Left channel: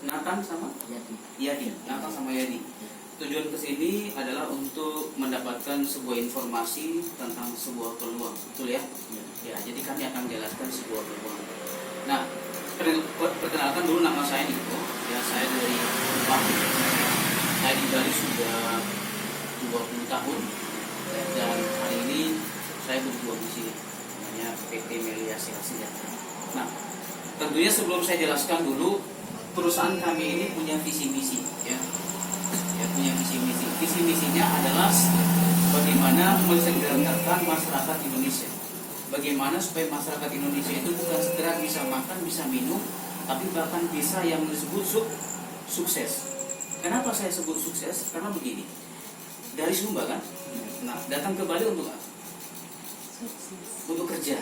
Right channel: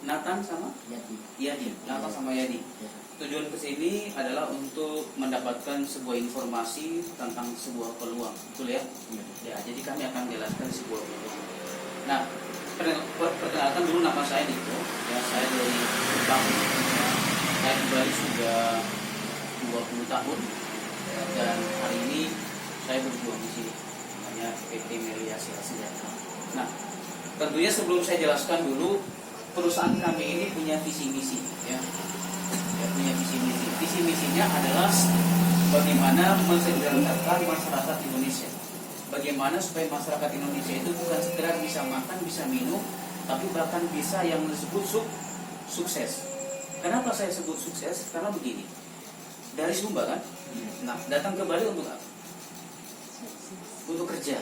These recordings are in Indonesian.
Nathan sama Yadi. Nathan sama Yadi. Tujuan kesini adalah untuk mendapatkan sebuah informasi tentang sebuah peluang, betul ya? Ya, jadi kami akan menjelaskan sebuah peluang. Nah, perkenalkan dulu nama saya Niko. Ya, saya dari Bali. Saya di Bali sudah 20 tahun. Dan hari ini saya berjuang di sini. Namanya PT Melia Silat Senjata. Nah, tentunya sebelum saya jelaskan dulu, perusahaan kami ini punya visi misi, ya. Punya visi misi. Visi misinya adalah bagaimana mensejahterakan masyarakat Indonesia. Bagaimana supaya masyarakat Indonesia itu bukan sekedar bisa makan, bisa minum, tapi bahkan bisa yang disebut sukses. Kenapa saya sebut sukses? Karena begini, dari Sumba kan, nah datang ke Bali untuk apa? Untuk kerja.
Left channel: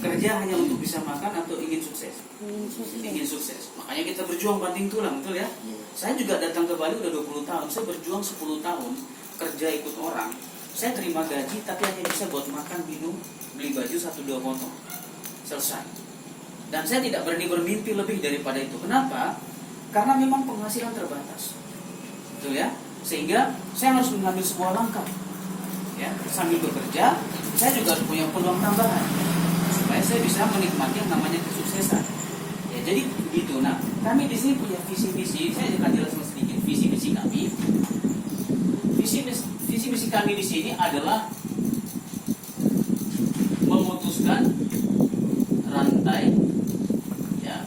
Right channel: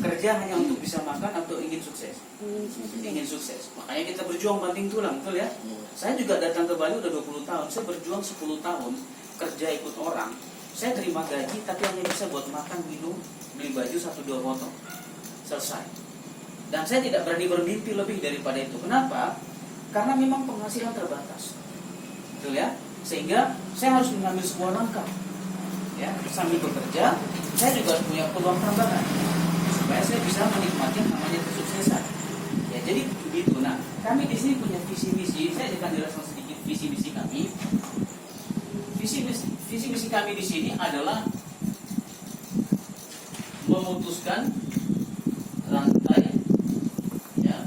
Kerja hanya untuk bisa makan atau ingin sukses? Ingin sukses. Makanya kita berjuang banting tulang, betul ya? Saya juga datang ke Bali udah 20 tahun. Saya berjuang 10 tahun kerja ikut orang. Saya terima gaji tapi hanya bisa buat makan, minum, beli baju 1-2 potong. Selesai. Dan saya tidak berani bermimpi lebih daripada itu. Kenapa? Karena memang penghasilan terbatas. Betul ya? Sehingga saya harus mengambil sebuah langkah. Ya, sambil bekerja, saya juga punya peluang tambahan supaya saya bisa menikmati yang namanya kesuksesan. Ya, jadi begitu. Nah, kami di sini punya visi misi. Saya akan jelaskan sedikit visi misi kami. Visi misi kami di sini adalah memutuskan rantai, ya,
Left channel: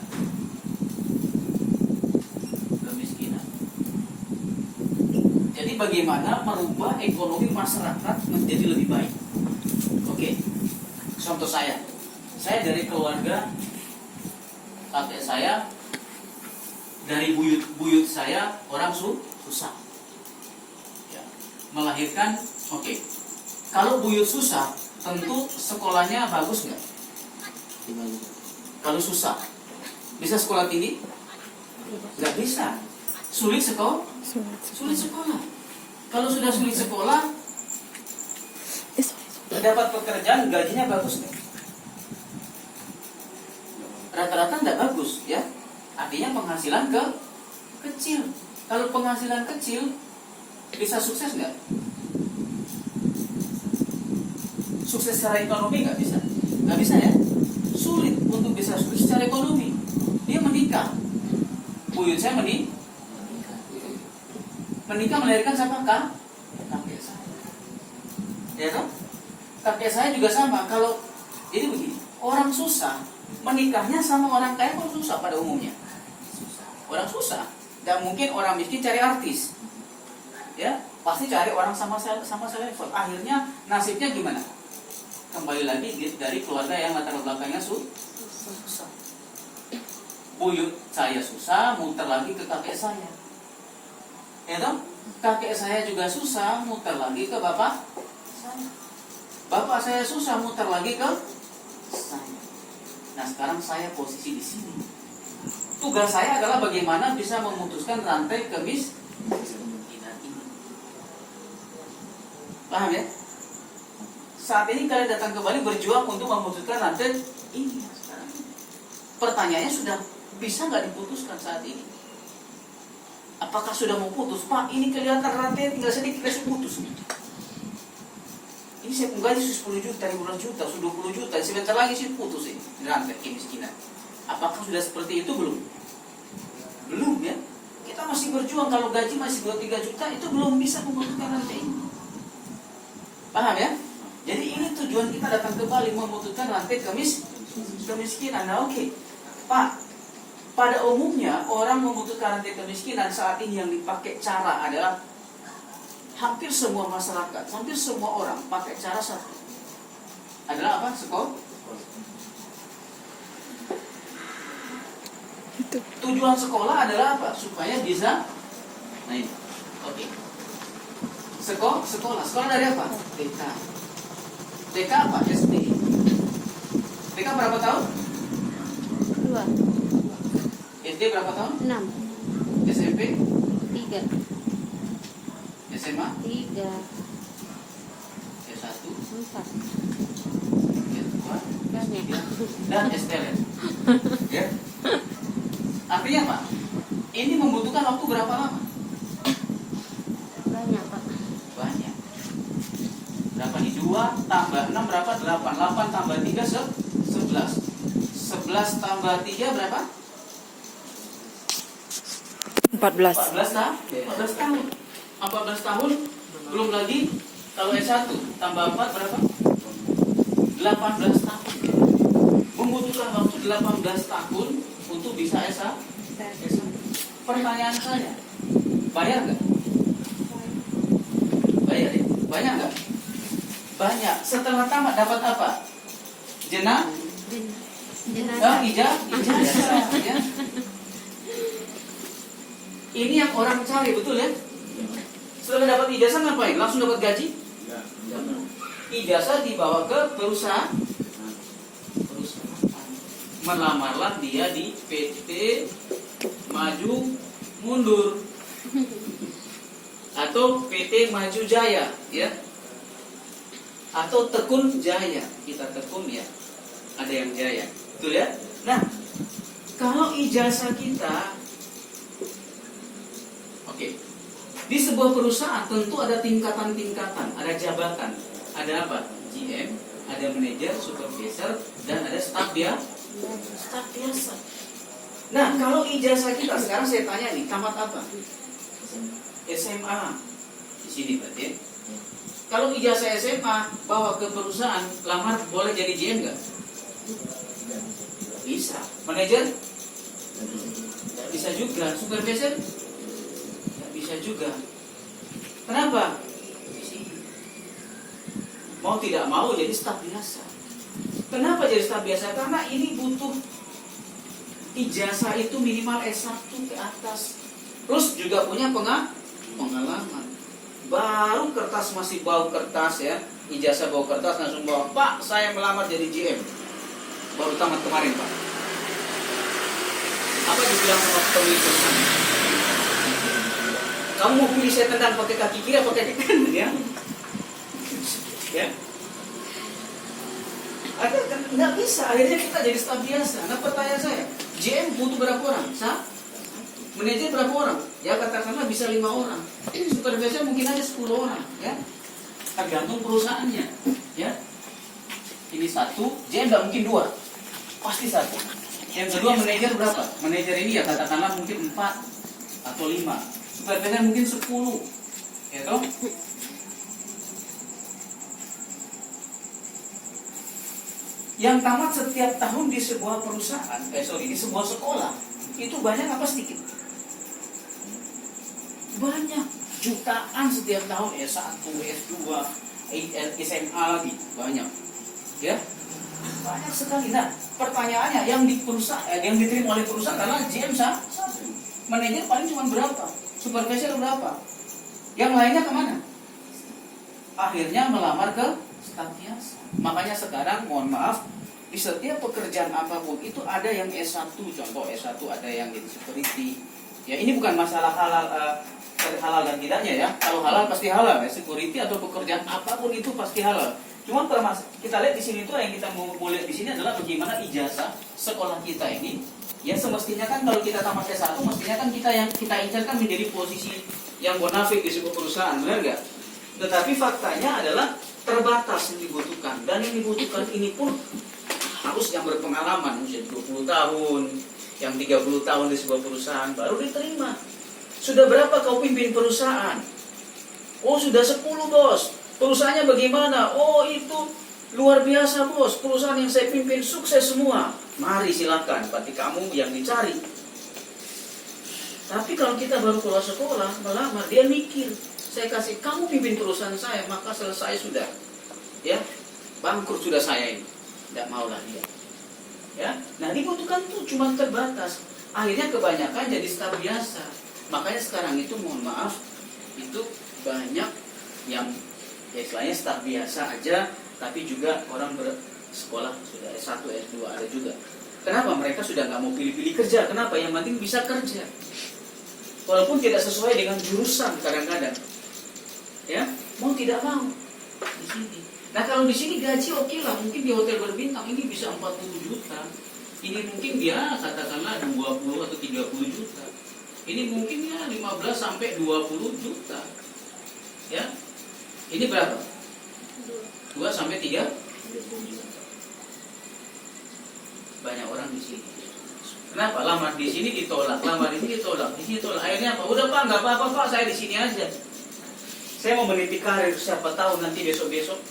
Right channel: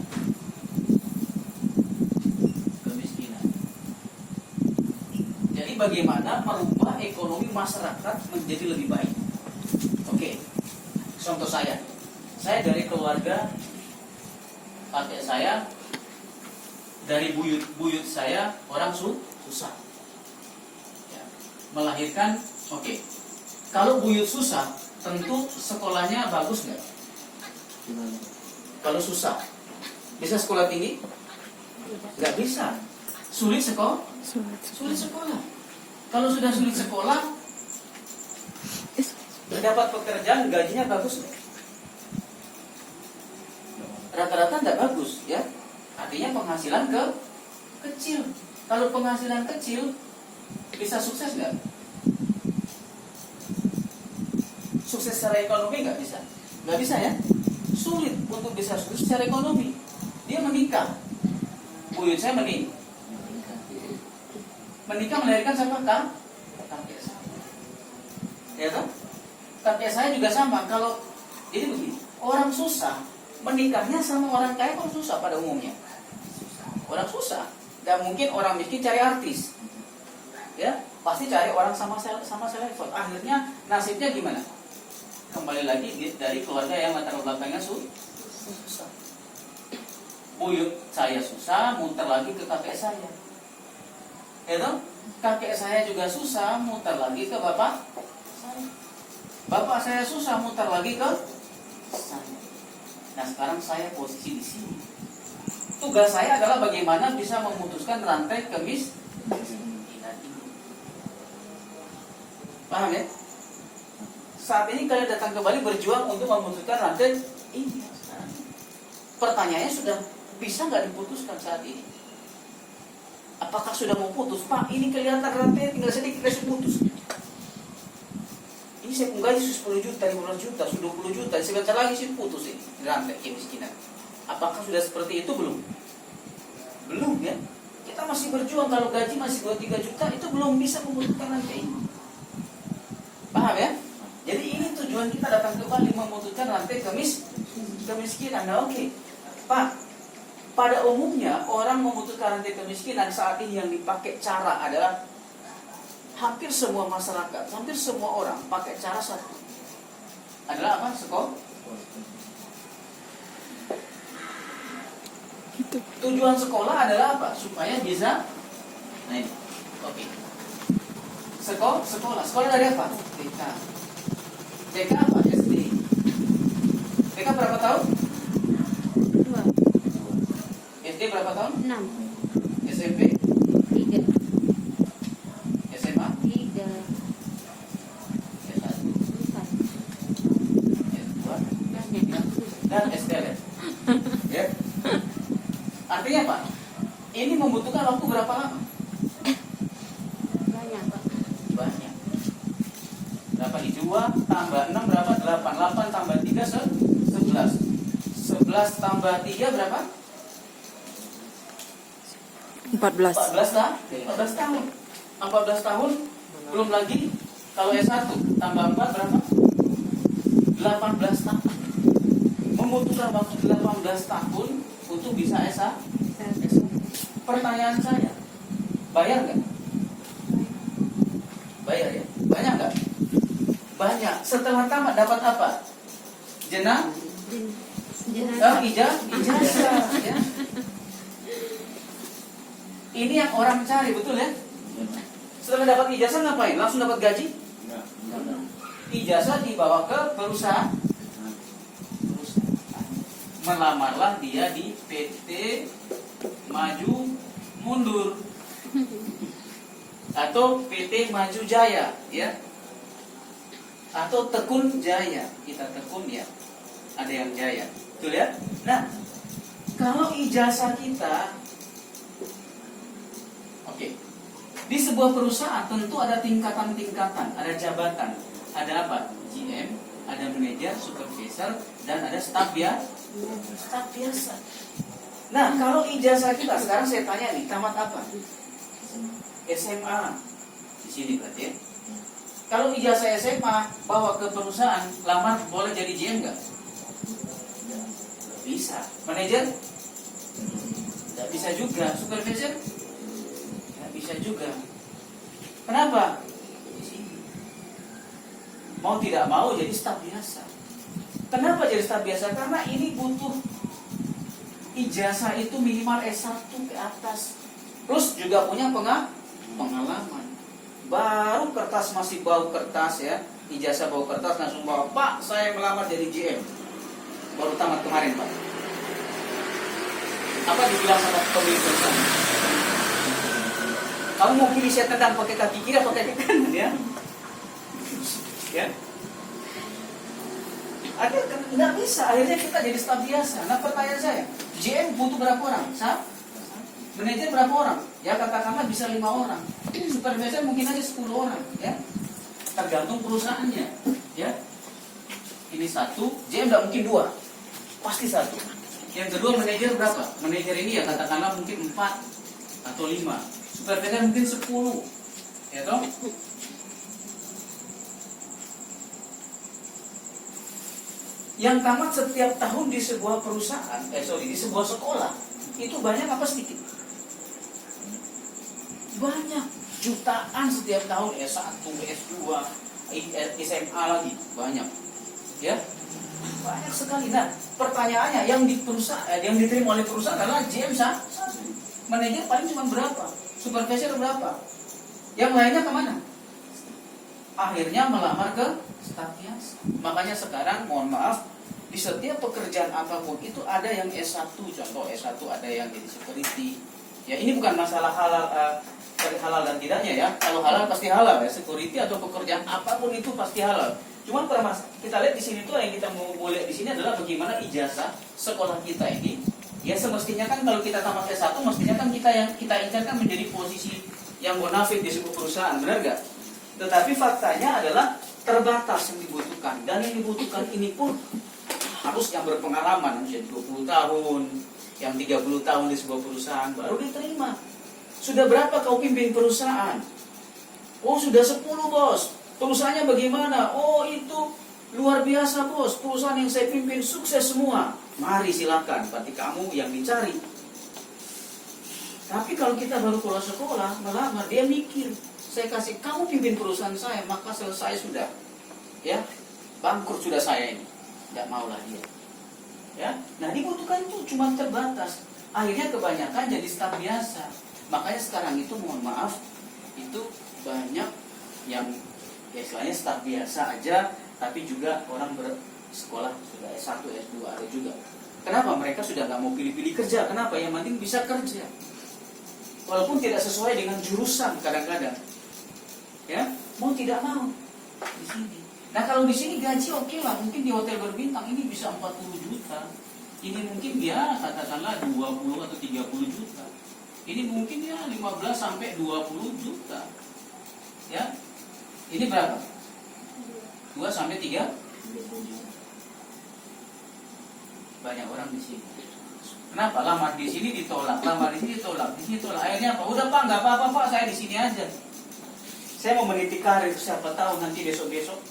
kemiskinan. Jadi bagaimana merubah ekonomi masyarakat menjadi lebih baik. Oke, contoh saya dari keluarga kakek saya, dari buyut saya orang susah, ya, melahirkan. Oke, kalau buyut susah, tentu sekolahnya bagus nggak? Kalau susah, bisa sekolah tinggi? Nggak bisa. Sulit sekolah? Sulit sekolah. Kalau sudah sulit sekolah, dapat pekerjaan, gajinya bagus nggak? Rata-rata nggak bagus, ya. Artinya penghasilan kecil. Kalau penghasilan kecil, bisa sukses nggak? Sukses secara ekonomi nggak bisa. Nggak bisa ya. Sulit untuk bisa sukses secara ekonomi. Dia menikah. Buyut saya menikah melahirkan siapa? Kakek saya. Ya kan? Kakek saya juga sama. Kalau jadi begini, orang susah menikahnya sama orang kaya kok susah pada umumnya. Orang susah. Dan mungkin orang miskin cari artis. Ya, pasti cari orang sama selevel. Akhirnya nasibnya gimana? Kembali lagi dari keluarga yang latar belakangnya susah. Buyut saya susah, muter lagi ke kakek saya. Ya toh? Kakek saya juga susah, muter lagi ke bapak saya. Bapak saya susah, muter lagi ke saya. Nah, sekarang saya posisi di sini. Tugas saya adalah bagaimana bisa memutuskan rantai kemiskinan ini. Paham ya? Saat ini kalian datang ke Bali berjuang untuk memutuskan rantai ini. Pertanyaannya sudah bisa nggak diputuskan saat ini? Apakah sudah mau putus? Pak, ini kelihatan rantai tinggal sedikit kita putus. Ini saya gaji 10 juta, 15 juta, 20 juta, sebentar lagi sih putus ini rantai kemiskinan. Apakah sudah seperti itu belum? Belum ya. Kita masih berjuang, kalau gaji masih 2-3 juta itu belum bisa memutuskan rantai ini. Paham ya? Jadi ini tujuan kita datang ke Bali, memutuskan rantai kemiskinan. Nah, oke. Pak, pada umumnya orang memutuskan rantai kemiskinan saat ini yang dipakai cara adalah hampir semua masyarakat, hampir semua orang pakai cara satu. Adalah apa? Sekolah. Tujuan sekolah adalah apa? Supaya bisa. Nah ini. Oke. Sekolah. Sekolah dari apa? TK. TK apa? SD. TK berapa tahun? 2. SD berapa tahun? 6. SMP? 3. SMA? 3. S1? 4. S2? S3? Dan STL. Ya. Artinya apa? Ini membutuhkan waktu berapa lama? Banyak, Pak. Banyak. Berapa nih? 2 tambah 6 berapa? 8. 8 tambah 3 11. 11 tambah 3 berapa? 14. 14 lah. 14 tahun. 14 tahun belum lagi kalau S1 tambah 4 berapa? 18 tahun. Membutuhkan waktu 18 tahun untuk bisa S1. Pertanyaan saya, bayar nggak? Bayar ya? Banyak nggak? Banyak. Setelah tamat dapat apa? Ijazah, ya. Ini yang orang cari, betul ya? Setelah dapat ijazah ngapain? Langsung dapat gaji? Ijazah dibawa ke perusahaan. Melamarlah dia di PT Maju Mundur atau PT Maju Jaya, ya, atau Tekun Jaya. Kita tekun ya, ada yang jaya, betul ya? Nah, kalau ijazah kita, oke, di sebuah perusahaan tentu ada tingkatan-tingkatan, ada jabatan, ada apa? GM, ada manajer, supervisor, dan ada staf biasa. Nah, kalau ijazah kita sekarang saya tanya nih, tamat apa? SMA. Di sini berarti ya. Kalau ijazah SMA bawa ke perusahaan, lamar boleh jadi GM nggak? Bisa. Manajer? Nggak bisa juga. Supervisor? Nggak bisa juga. Kenapa? Di sini. Mau tidak mau jadi staf biasa. Kenapa jadi staf biasa? Karena ini butuh ijazah itu minimal S1 ke atas. Terus juga punya pengalaman. Baru kertas masih bau kertas ya. Ijazah bau kertas langsung bawa, Pak, saya melamar jadi GM. Baru tamat kemarin, Pak. Apa dibilang sama pemilik perusahaan? Kamu mau pilih saya tendang pakai kaki kiri atau kaki kanan ya? Ya. Ada nggak bisa, akhirnya kita jadi staf biasa. Nah, pertanyaan saya, GM butuh berapa orang? Manajer berapa orang? Ya katakanlah bisa 5 orang. Supervisor mungkin aja 10 orang, ya. Tergantung perusahaannya, ya. Ini 1, GM nggak mungkin 2, pasti 1. Yang kedua manajer berapa? Manajer ini ya katakanlah mungkin 4 atau 5. Supervisor mungkin 10, ya toh? Yang tamat setiap tahun di sebuah perusahaan, di sebuah sekolah, itu banyak apa sedikit? Banyak, jutaan setiap tahun, S1, S2, SMA lagi, banyak, ya, banyak sekali. Nah, pertanyaannya, yang di perusahaan, yang diterima oleh perusahaan adalah GM 1, manajer paling cuma berapa, supervisor berapa, yang lainnya kemana? Akhirnya melamar ke staf biasa. Makanya sekarang mohon maaf, di setiap pekerjaan apapun itu ada yang S1, contoh S1 ada yang jadi security. Ya, ini bukan masalah halal dan tidaknya ya. Kalau halal pasti halal ya, security atau pekerjaan apapun itu pasti halal. Cuma kita lihat di sini tuh yang kita mau lihat di sini adalah bagaimana ijazah sekolah kita ini. Ya semestinya kan kalau kita tamat S1 mestinya kan kita inginkan menjadi posisi yang bonafide di sebuah perusahaan, benar nggak? Tetapi faktanya adalah terbatas yang dibutuhkan, dan yang dibutuhkan ini pun harus yang berpengalaman, usia 20 tahun, yang 30 tahun di sebuah perusahaan baru diterima. Sudah berapa kau pimpin perusahaan? Oh sudah 10 bos. Perusahaannya bagaimana? Oh itu luar biasa bos. Perusahaan yang saya pimpin sukses semua. Mari silakan, berarti kamu yang dicari. Tapi kalau kita baru keluar sekolah melamar, dia mikir, saya kasih kamu pimpin perusahaan saya, maka selesai sudah, ya, bangkrut sudah saya ini. Tidak maulah dia, ya. Nah dibutuhkan tuh cuma terbatas. Akhirnya kebanyakan jadi staf biasa. Makanya sekarang itu mohon maaf, itu banyak yang ya istilahnya staf biasa aja, tapi juga orang bersekolah sudah S1, S2 ada juga. Kenapa? Mereka sudah nggak mau pilih-pilih kerja. Kenapa? Yang penting bisa kerja, walaupun tidak sesuai dengan jurusan kadang-kadang. Ya, mau tidak mau di sini. Nah kalau di sini gaji oke lah, mungkin di hotel berbintang ini bisa 40 juta. Ini mungkin dia katakanlah 20 atau 30 juta. Ini mungkin ya 15 sampai 20 juta. Ya. Ini berapa? 2 sampai 3. Banyak orang di sini. Kenapa? Lamar di sini ditolak, lamar di sini ditolak, di sini ditolak. Akhirnya apa? Udah Pak, nggak apa-apa Pak, saya di sini aja. Saya mau meniti karir, siapa tahu nanti besok-besok.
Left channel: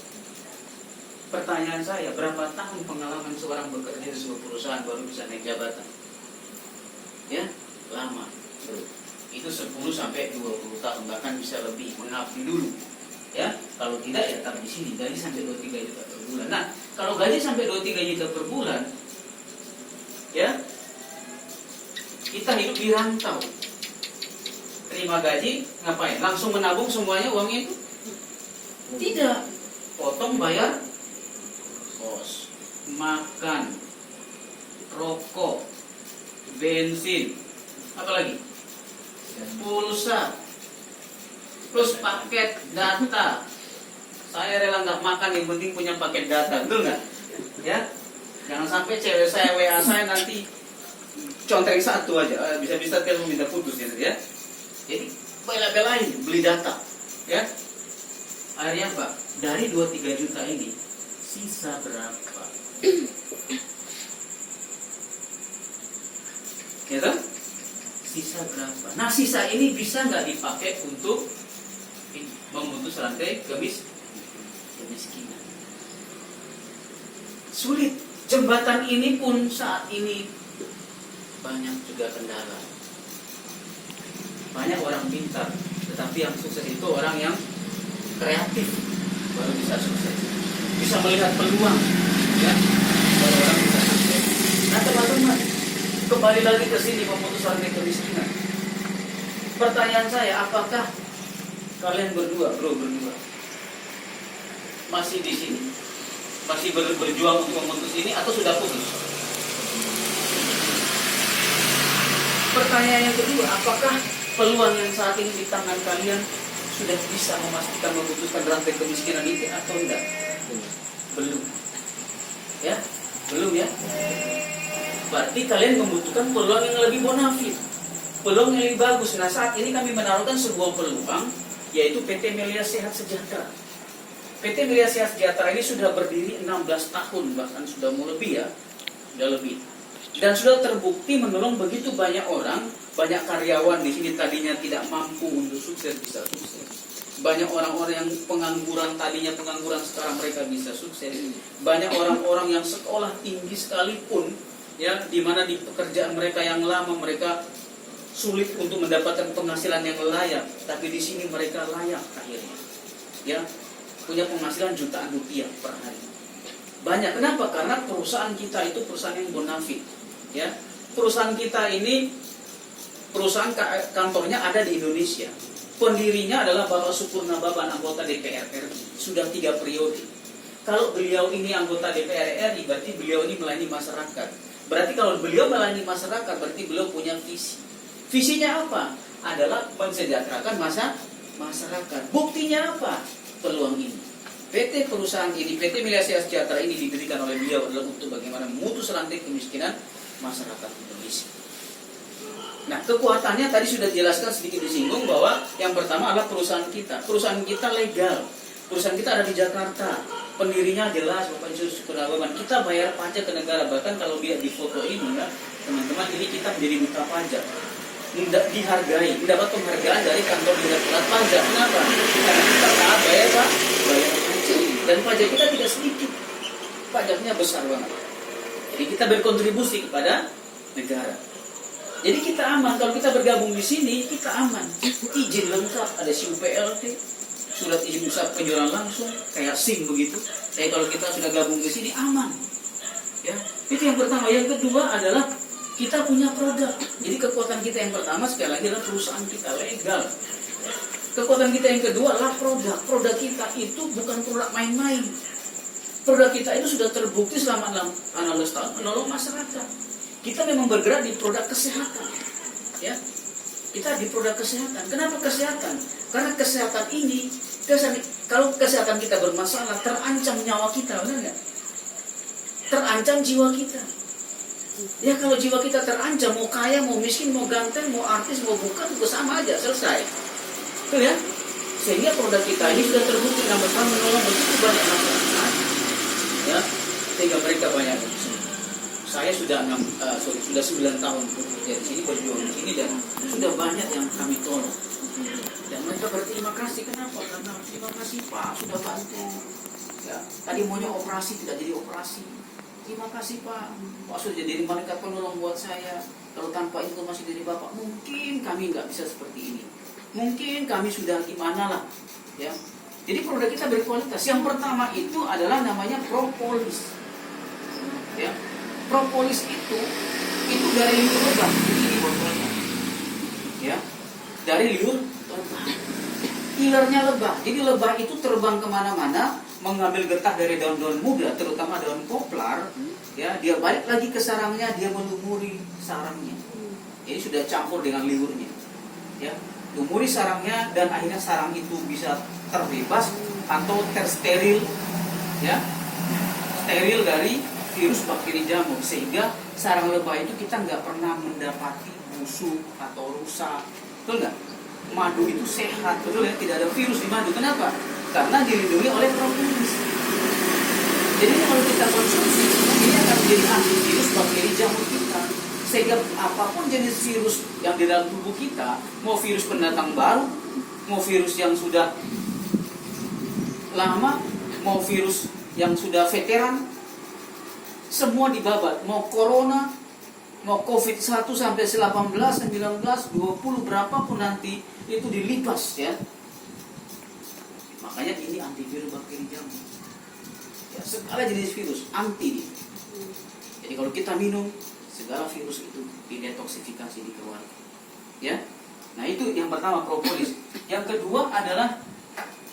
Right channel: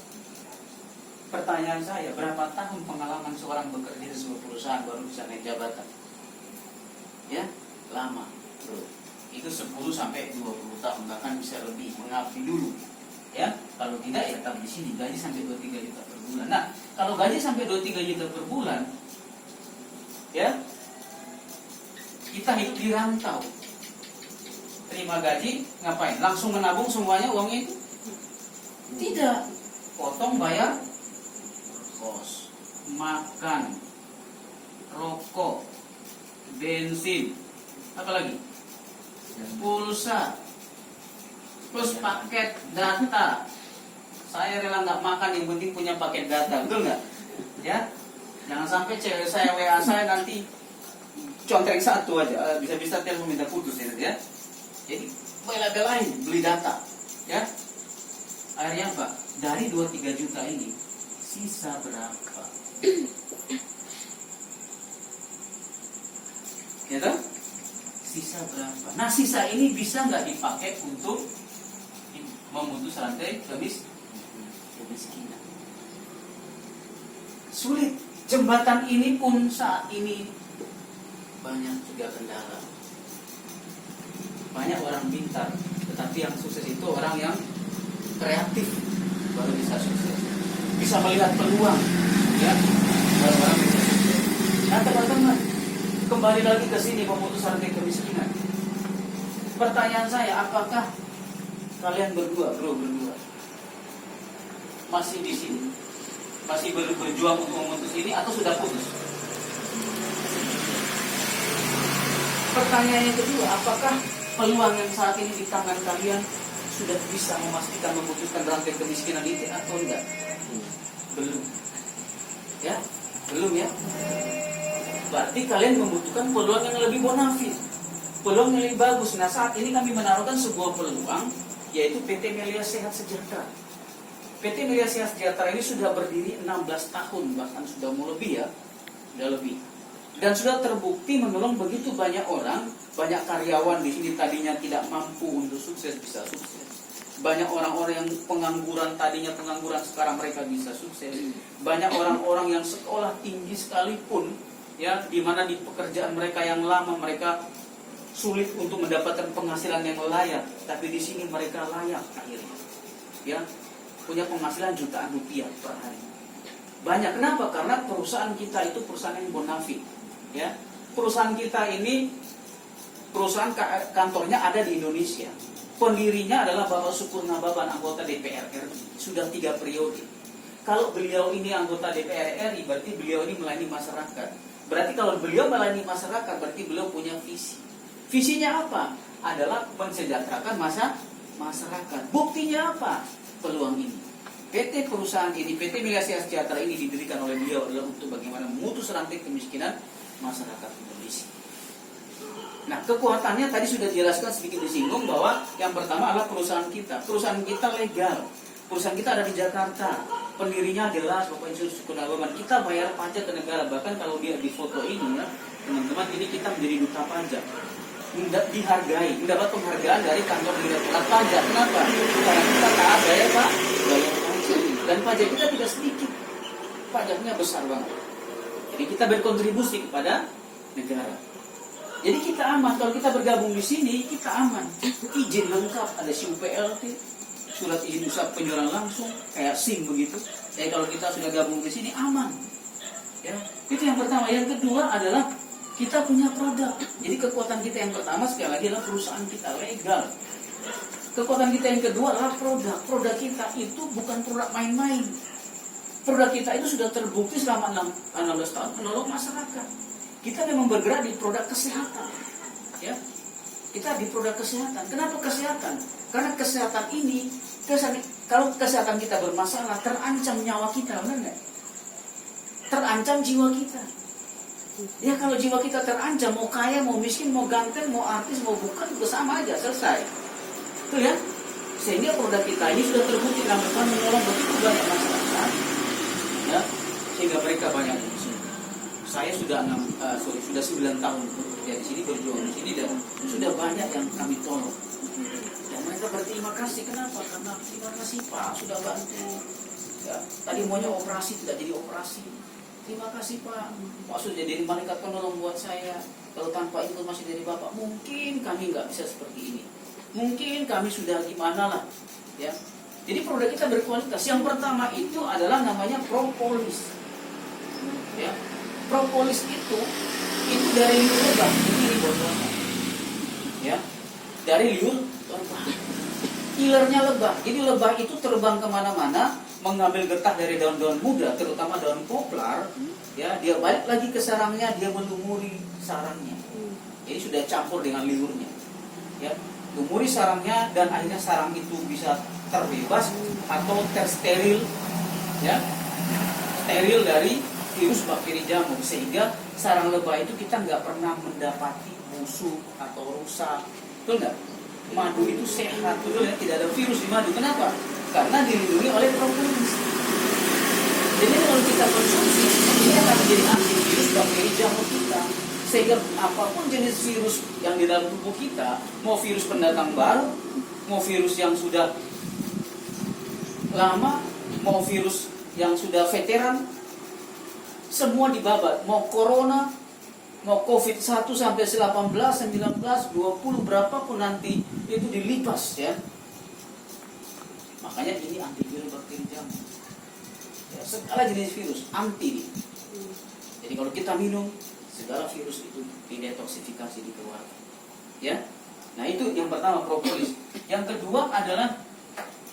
Pertanyaan saya, berapa tahun pengalaman seorang bekerja di sebuah perusahaan baru bisa naik jabatan? Ya, lama, bro. Itu 10 sampai 20 tahun, bahkan bisa lebih, mengabdi dulu. Ya, kalau tidak ya tetap di sini, gaji sampai 23 juta per bulan. Nah, kalau gaji sampai 23 juta per bulan, ya, kita hidup di rantau. Terima gaji, ngapain? Langsung menabung semuanya uangnya itu? Tidak. Potong bayar kos, makan, rokok, bensin, apa lagi? Pulsa, plus paket data. Saya rela nggak makan, yang penting punya paket data, betul nggak? Ya, jangan sampai cewek saya WA saya nanti contreng satu aja, bisa-bisa telepon minta putus gitu ya. Jadi bela-belain beli data, ya. Akhirnya apa? Dari 2-3 juta ini sisa berapa? Gitu? Sisa berapa? Nah, sisa ini bisa nggak dipakai untuk memutus rantai kemiskinan? Sulit. Jembatan ini pun saat ini banyak juga kendala. Banyak orang pintar, tetapi yang sukses itu orang yang kreatif baru bisa sukses. Bisa melihat peluang, ya, baru orang bisa sukses. Nah, teman-teman, kembali lagi ke sini, memutus rantai kemiskinan. Pertanyaan saya, apakah kalian berdua masih di sini? Masih berjuang untuk memutus ini atau sudah putus? Pertanyaan yang kedua, apakah peluang yang saat ini di tangan kalian sudah bisa memastikan memutuskan rantai kemiskinan ini atau enggak? Belum. Ya, belum ya. Berarti kalian membutuhkan peluang yang lebih bonafit, peluang yang lebih bagus. Nah, saat ini kami menaruhkan sebuah peluang, yaitu PT Melia Sehat Sejahtera. PT Melia Sehat Sejahtera ini sudah berdiri 16 tahun, bahkan sudah mau lebih ya, sudah lebih. Dan sudah terbukti menolong begitu banyak orang, banyak karyawan di sini tadinya tidak mampu untuk sukses bisa sukses. Banyak orang-orang yang pengangguran tadinya pengangguran sekarang mereka bisa sukses. Banyak orang-orang yang sekolah tinggi sekalipun, ya, di mana di pekerjaan mereka yang lama mereka sulit untuk mendapatkan penghasilan yang layak, tapi di sini mereka layak akhirnya. Ya, punya penghasilan jutaan rupiah per hari. Banyak. Kenapa? Karena perusahaan kita itu perusahaan yang bonafit. Ya, perusahaan kita ini perusahaan kantornya ada di Indonesia. Pendirinya adalah Bapak Supurnababan, anggota DPR RI, sudah 3 periode. Kalau beliau ini anggota DPR RI, berarti beliau ini melayani masyarakat. Berarti kalau beliau melayani masyarakat, berarti beliau punya visi. Visinya apa? Adalah mensejahterakan masyarakat. Buktinya apa? Peluang ini. PT perusahaan ini, PT Melia Sehat Sejahtera ini didirikan oleh beliau adalah untuk bagaimana memutus rantai kemiskinan masyarakat Indonesia. Nah, kekuatannya tadi sudah dijelaskan sedikit disinggung bahwa yang pertama adalah perusahaan kita. Perusahaan kita legal. Perusahaan kita ada di Jakarta. Pendirinya jelas Bapak Yusuf Kurnababan. Kita bayar pajak ke negara. Bahkan kalau lihat di foto ini ya, teman-teman, ini kita menjadi duta pajak. Dihargai, mendapat penghargaan dari kantor direktorat pajak. Kenapa? Karena kita taat bayar pajak. Dan pajak kita tidak sedikit. Pajaknya besar banget. Jadi kita berkontribusi kepada negara. Jadi kita aman. Kalau kita bergabung di sini, kita aman. Izin lengkap, ada SIUPLT, surat izin usaha penjualan langsung, kayak SIM begitu. Jadi kalau kita sudah gabung di sini, aman. Ya, itu yang pertama. Yang kedua adalah kita punya produk. Jadi kekuatan kita yang pertama sekali lagi adalah perusahaan kita legal. Kekuatan kita yang kedua adalah produk. Produk kita itu bukan produk main-main. Produk kita itu sudah terbukti selama 16 tahun menolong masyarakat. Kita memang bergerak di produk kesehatan. Ya. Kita di produk kesehatan. Kenapa kesehatan? Karena kesehatan ini, kalau kesehatan kita bermasalah, terancam nyawa kita, benar nggak? Terancam jiwa kita. Ya kalau jiwa kita terancam, mau kaya, mau miskin, mau ganteng, mau artis, mau bukan, itu sama aja, selesai. Tuh ya. Sehingga produk kita ini sudah terbukti mereka menolong begitu banyak masyarakat. Ya, sehingga mereka banyak. Saya sudah 9 tahun bekerja di sini, berjuang di sini, dan sudah banyak yang kami tolong. Dan mereka berterima kasih. Kenapa? Karena terima kasih Pak, sudah bantu. Ya, tadi maunya operasi tidak jadi operasi. Terima kasih Pak. Pak sudah jadi malaikat penolong buat saya. Kalau tanpa informasi dari Bapak, mungkin kami nggak bisa seperti ini. Mungkin kami sudah gimana lah. Ya. Jadi produk kita berkualitas. Yang pertama itu adalah namanya propolis. Ya. Propolis itu dari liur lebah. Ini botolnya. Ya. Dari liur lebah. Ilernya lebah. Jadi lebah itu terbang kemana-mana, mengambil getah dari daun-daun muda, terutama daun poplar. Ya, dia balik lagi ke sarangnya, dia melumuri sarangnya. Jadi sudah campur dengan liurnya. Ya, lumuri sarangnya dan akhirnya sarang itu bisa terbebas atau tersteril, ya, steril dari virus bakteri jamur, sehingga sarang lebah itu kita nggak pernah mendapati busuk atau rusak, betul nggak? Madu itu sehat, betul ya, tidak ada virus di madu. Kenapa? Karena dilindungi oleh propolis. Jadi kalau kita konsumsi, ini akan menjadi antivirus bakteri jamur kita. Sehingga apapun jenis virus yang di dalam tubuh kita, mau virus pendatang baru, mau virus yang sudah lama, mau virus yang sudah veteran, semua dibabat. Mau corona, mau COVID-1 sampai 18, 19, 20, berapapun nanti itu dilipas ya. Makanya ini antivirus bakteri jamur. Ya, segala jenis virus anti. Jadi kalau kita minum, segala virus itu didetoksifikasi, dikeluarkan. Ya. Nah, itu yang pertama, propolis. Yang kedua adalah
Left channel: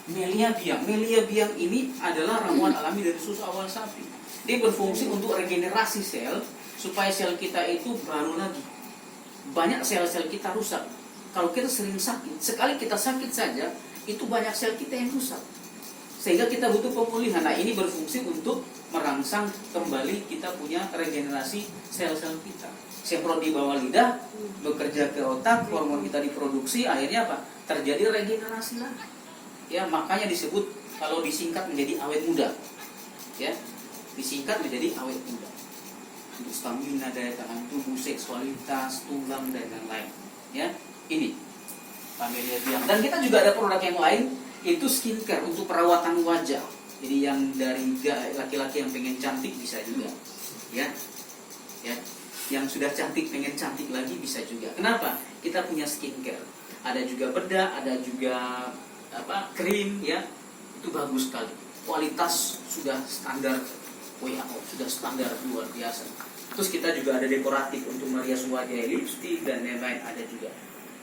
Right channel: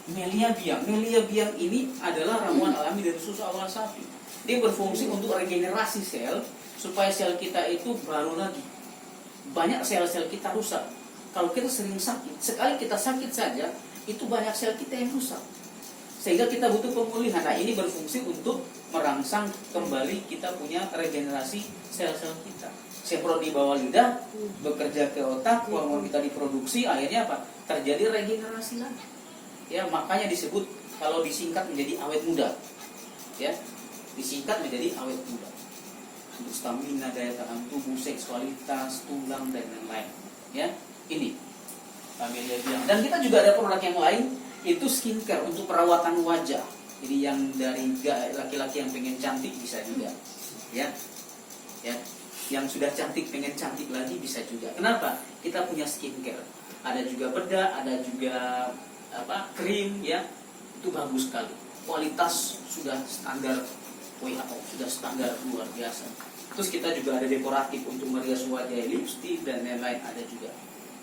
Melia biang. Melia biang ini adalah ramuan alami dari susu awal sapi. Dia berfungsi untuk regenerasi sel supaya sel kita itu baru lagi. Banyak sel-sel kita rusak. Kalau kita sering sakit, sekali kita sakit saja, itu banyak sel kita yang rusak. Sehingga kita butuh pemulihan. Nah, ini berfungsi untuk merangsang kembali kita punya regenerasi sel-sel kita. Semprot di bawah lidah, bekerja ke otak, hormon kita diproduksi, akhirnya apa? Terjadi regenerasi lagi. Ya, makanya disebut kalau disingkat menjadi awet muda. Ya, disingkat menjadi awet muda. Untuk stamina, daya tahan tubuh, seksualitas, tulang dan lain-lain. Ya, ini Melia biang. Dan kita juga ada produk yang lain, itu skincare untuk perawatan wajah. Jadi yang dari laki-laki yang pengen cantik bisa juga, ya, ya. Yang sudah cantik pengen cantik lagi bisa juga. Kenapa? Kita punya skincare. Ada juga bedak, ada juga krim, ya. Itu bagus sekali. Kualitas sudah standar WHO, sudah standar luar biasa. Terus kita juga ada dekoratif untuk merias wajah, lipstick dan lain-lain ada juga,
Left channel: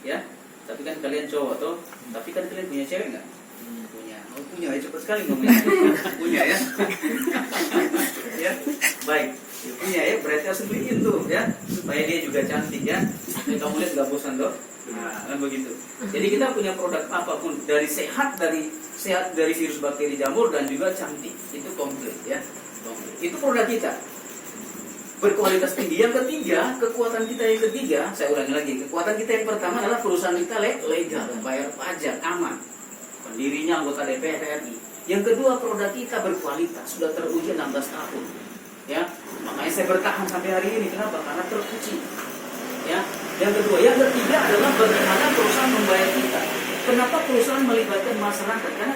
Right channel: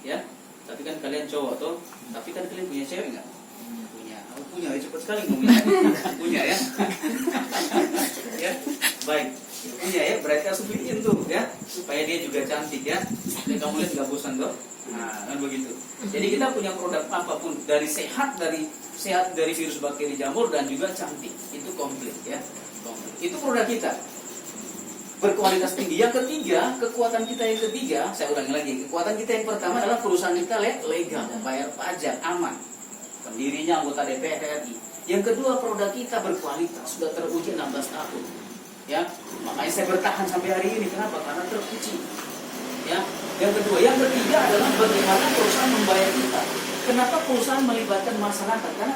ya. Tapi kan kalian cowok toh, tapi kan kalian punya cewek nggak? Punya. Oh, punya, ya, cepat sekali ngomongnya. Punya ya. Ya, baik. Ya, punya ya, berarti harus beliin tuh ya, supaya dia juga cantik ya. Ini kamu lihat nggak bosan toh? Nah, kan begitu. Jadi kita punya produk apapun, dari sehat dari virus bakteri jamur dan juga cantik, itu komplit ya. Komplit. Itu produk kita. Berkualitas tinggi. Yang ketiga, kekuatan kita yang ketiga, saya ulangi lagi, kekuatan kita yang pertama adalah perusahaan kita legal, bayar pajak, aman, pendirinya anggota DPR RI. Yang kedua, produk kita berkualitas, sudah teruji 16 tahun. Ya, makanya saya bertahan sampai hari ini. Kenapa? Karena teruji. Ya, yang kedua, yang ketiga adalah bagaimana perusahaan membayar kita. Kenapa perusahaan melibatkan masyarakat? Karena